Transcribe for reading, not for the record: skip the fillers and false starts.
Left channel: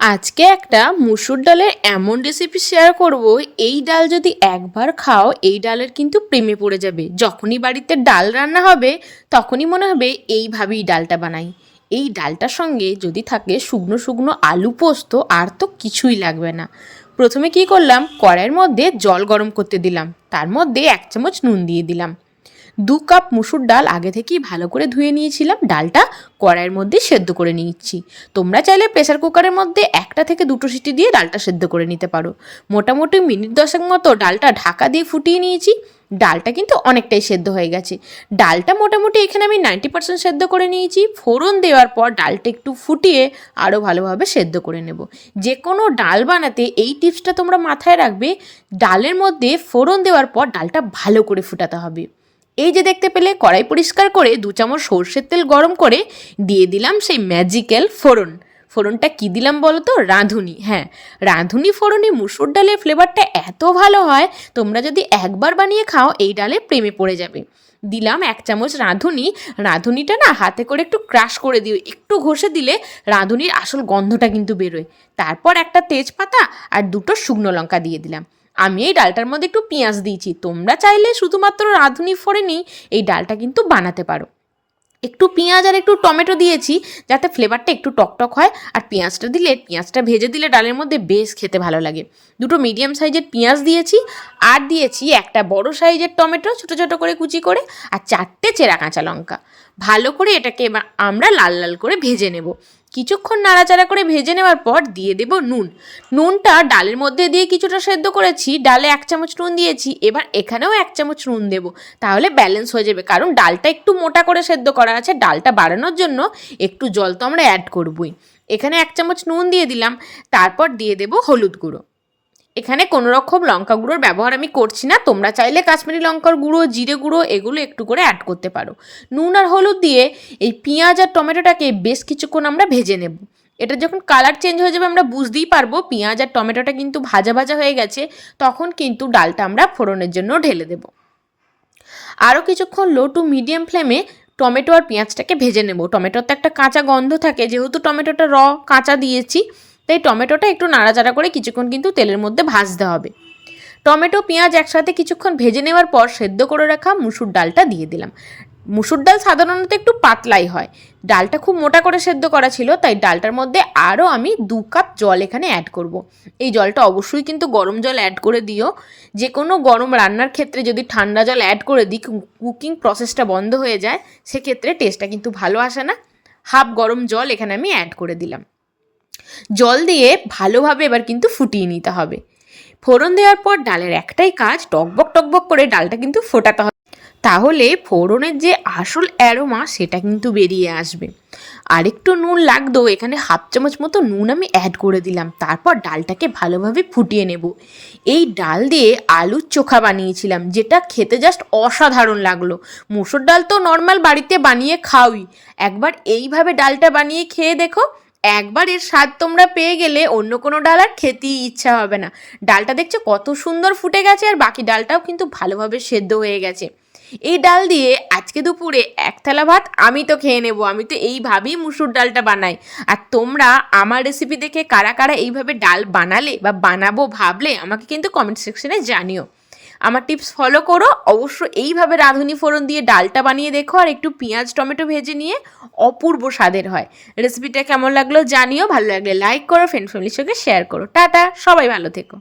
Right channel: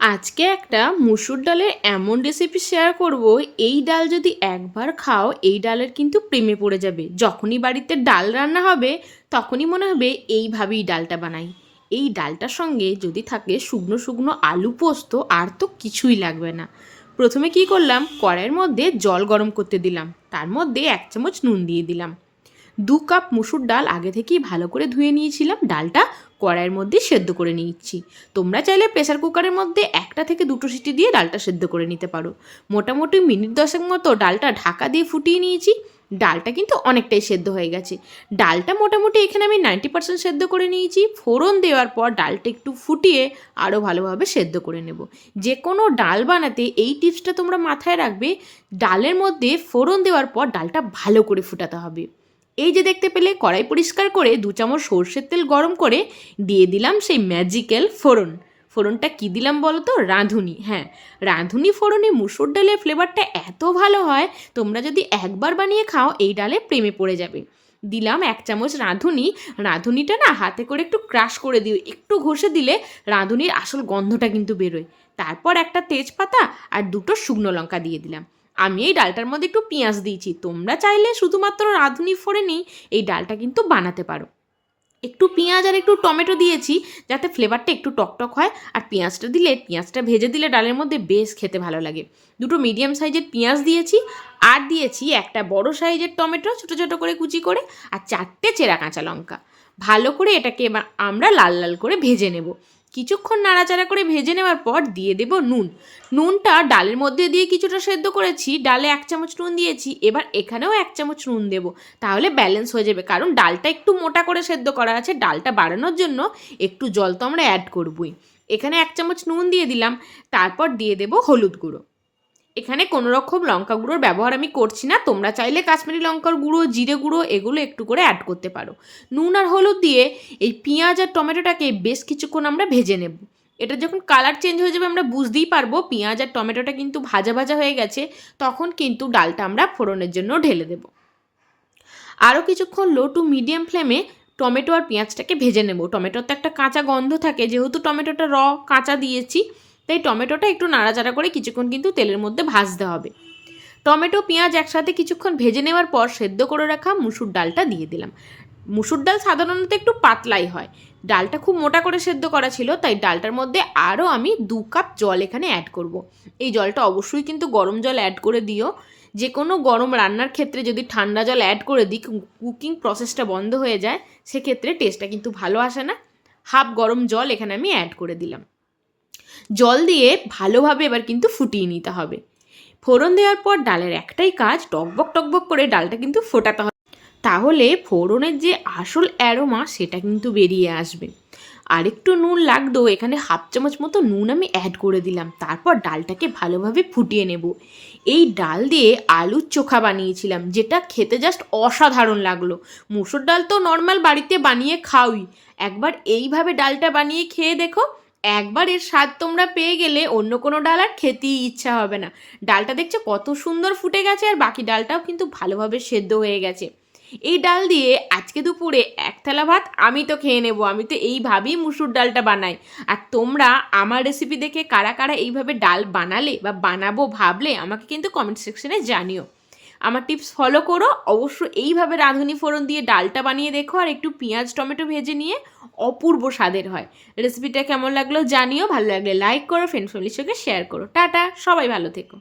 আজকে একটা মুসুর ডালের এমন রেসিপি শেয়ার করব, এই ডাল যদি একবার খাও এই ডালের কিন্তু প্রেমে পড়ে যাবে। যখনই বাড়িতে ডাল রান্না হবে তখনই মনে হবে এইভাবেই ডালটা বানাই। এই ডালটার সঙ্গে যদি থাকে শুকনো শুকনো আলু পোস্ত, আর তো কিছুই লাগবে না। প্রথমে কি করলাম, কড়াইয়ের মধ্যে জল গরম করতে দিলাম, তার মধ্যে 1 চামচ নুন দিয়ে দিলাম। 2 কাপ মুসুর ডাল আগে থেকেই ভালো করে ধুয়ে নিয়েছিলাম, ডালটা কড়াইয়ের মধ্যে সেদ্ধ করে নিচ্ছি। তোমরা চাইলে প্রেসার কুকারের মধ্যে 1টা থেকে 2টো সিটি দিয়ে ডালটা সেদ্ধ করে নিতে পারো। মোটামুটি মিনিট 10 মতো ডালটা ঢাকা দিয়ে ফুটিয়ে নিয়েছি। ডালটা কিন্তু অনেকটাই সেদ্ধ হয়ে গেছে। ডালটা মোটামুটি এখানে আমি 90% সেদ্ধ করে নিয়েছি। ফোড়ন দেওয়ার পর ডালটা একটু ফুটিয়ে আরও ভালোভাবে সেদ্ধ করে নেব। যে কোনো ডাল বানাতে এই টিপসটা তোমরা মাথায় রাখবে, ডালের মধ্যে ফোড়ন দেওয়ার পর ডালটা ভালো করে ফুটাতে হবে। এই যে দেখতে পেলে কড়াই পরিষ্কার করে 2 চামচ সর্ষের তেল গরম করে দিয়ে দিলাম সেই ম্যাজিক্যাল ফোড়ন। ফোড়নটা কী দিলাম বলো তো? রাঁধুনি। হ্যাঁ, রাঁধুনি ফোড়নে মুসুর ডালের ফ্লেভারটা এত ভালো হয়, তোমরা যদি একবার বানিয়ে খাও এই ডালে প্রেমে পড়ে যাবে। দিলাম 1 চামচ রাঁধুনি। রাঁধুনিটা না হাতে করে একটু ক্রাশ করে দিও, একটু ঘষে দিলে রাঁধুনির আসল গন্ধটা কিন্তু বেরোয়। তারপর একটা তেজপাতা আর 2টো শুকনো লঙ্কা দিয়ে দিলাম। আমি এই ডালটার মধ্যে একটু পেঁয়াজ দিয়েছি, তোমরা চাইলে শুধুমাত্র রাঁধুনি ফোড়নেই এই ডালটা কিন্তু বানাতে পারো। একটু পেঁয়াজ আর একটু টমেটো দিয়েছি যাতে ফ্লেভারটা একটু টকটক হয়, আর পেঁয়াজটা ভেজে দিলে ডালের মধ্যে বেশ খেতে ভালো লাগে। 2টো মিডিয়াম সাইজের পেঁয়াজ দিয়েছি, আর দিয়েছি একটা বড় সাইজের টমেটো ছোটো ছোটো করে কুচি করে, আর 4টে চেরা কাঁচা লঙ্কা। ভালো করে এটাকে এবার আমরা লাল লাল করে ভেজে নেব। কিছুক্ষণ নাড়াচাড়া করে ভেজে নেওয়ার পর দিয়ে দেব নুন। নুনটা ডালের মধ্যে দিয়ে কিছুটা সেদ্ধ করেছি, ডালে 1 চামচ নুন দিয়েছি, এবার এখানেও 1 চামচ নুন দেব, তাহলে ব্যালেন্স হয়ে যাবে। কারণ ডালটা একটু মোটা করে সেদ্ধ করা আছে, ডালটা বাড়ানোর জন্য একটু জল তো আমরা অ্যাড করবই। এখানে 1 চামচ নুন দিয়ে দিলাম। তারপর দিয়ে দেব হলুদ গুঁড়ো। এখানে কোনো রকম লঙ্কা গুঁড়োর ব্যবহার আমি করছি না, তোমরা চাইলে কাশ্মীরি লঙ্কার গুঁড়ো, জিরে গুঁড়ো এগুলো একটু করে অ্যাড করতে পারো। নুন আর হলুদ দিয়ে এই পেঁয়াজ আর টমেটোটাকে বেশ কিছুক্ষণ আমরা ভেজে নেব। এটা যখন কালার চেঞ্জ হয়ে যাবে আমরা বুঝতেই পারবো পেঁয়াজ আর টমেটোটা কিন্তু ভাজা ভাজা হয়ে গেছে। তখন কিন্তু ডালটা আমরা ফোড়নের জন্য ঢেলে দেব। আরও কিছুক্ষণ লো টু মিডিয়াম ফ্লেমে টমেটো আর পেঁয়াজটাকে ভেজে নেব। টমেটোর তো একটা কাঁচা গন্ধ থাকে, যেহেতু টমেটোটা কাঁচা দিয়েছি, তাই টমেটোটা একটু নাড়াচাড়া করে কিছুক্ষণ কিন্তু তেলের মধ্যে ভাজতে হবে। টমেটো পেঁয়াজ একসাথে কিছুক্ষণ ভেজে নেওয়ার পর সেদ্ধ করে রাখা মুসুর ডালটা দিয়ে দিলাম। মুসুর ডাল সাধারণত একটু পাতলাই হয়, ডালটা খুব মোটা করে সেদ্ধ করা ছিল, তাই ডালটার মধ্যে আরও আমি 2 কাপ জল এখানে অ্যাড করব। এই জলটা অবশ্যই কিন্তু গরম জল অ্যাড করে দিও। যে কোনো গরম রান্নার ক্ষেত্রে যদি ঠান্ডা জল অ্যাড করে দিই কুকিং প্রসেসটা বন্ধ হয়ে যায়, সেক্ষেত্রে টেস্টটা কিন্তু ভালো আসে না। হাফ গরম জল এখানে আমি অ্যাড করে দিলাম। জল দিয়ে ভালোভাবে এবার কিন্তু ফুটিয়ে নিতে হবে। ফোড়ন দেওয়ার পর ডালের একটাই কাজ, টকবক টকবক করে ডালটা কিন্তু ফোটাতে হবে, তাহলে ফোড়নের যে আসল অ্যারোমা সেটা কিন্তু বেরিয়ে আসবে। আরেকটু নুন লাগতো, এখানে 1/2 চামচ মতো নুন আমি অ্যাড করে দিলাম। তারপর ডালটাকে ভালোভাবে ফুটিয়ে নেব। এই ডাল দিয়ে আলুর চোখা বানিয়েছিলাম, যেটা খেতে জাস্ট অসাধারণ লাগলো। মুসুর ডাল তো নর্মাল বাড়িতে বানিয়ে খাওই, একবার এইভাবে ডালটা বানিয়ে খেয়ে দেখো। একবার এর স্বাদ তোমরা পেয়ে গেলে অন্য কোনো ডাল আর খেতেই ইচ্ছা হবে না। ডালটা দেখছো কত সুন্দর ফুটে গেছে, আর বাকি ডালটাও কিন্তু ভালোভাবে সেদ্ধ হয়ে গেছে। এই ডাল দিয়ে আজকে দুপুরে 1 থালা ভাত আমি তো খেয়ে নেব। আমি তো এইভাবেই মুসুর ডালটা বানাই। আর তোমরা আমার রেসিপি দেখে কারা কারা এইভাবে ডাল বানালে বা বানাবো ভাবলে আমাকে কিন্তু কমেন্ট সেকশনে জানিও। আমার টিপস ফলো করো, অবশ্য এইভাবে রাঁধুনি ফোড়ন দিয়ে ডালটা বানিয়ে দেখো, আর একটু পেঁয়াজ টমেটো ভেজে নিয়ে অপূর্ব স্বাদের হয়। রেসিপিটা কেমন লাগলো জানিও, ভালো লাগলে লাইক করো, ফ্রেন্ড ফ্যামিলির সঙ্গে শেয়ার করো। টাটা, সবাই ভালো থেকো।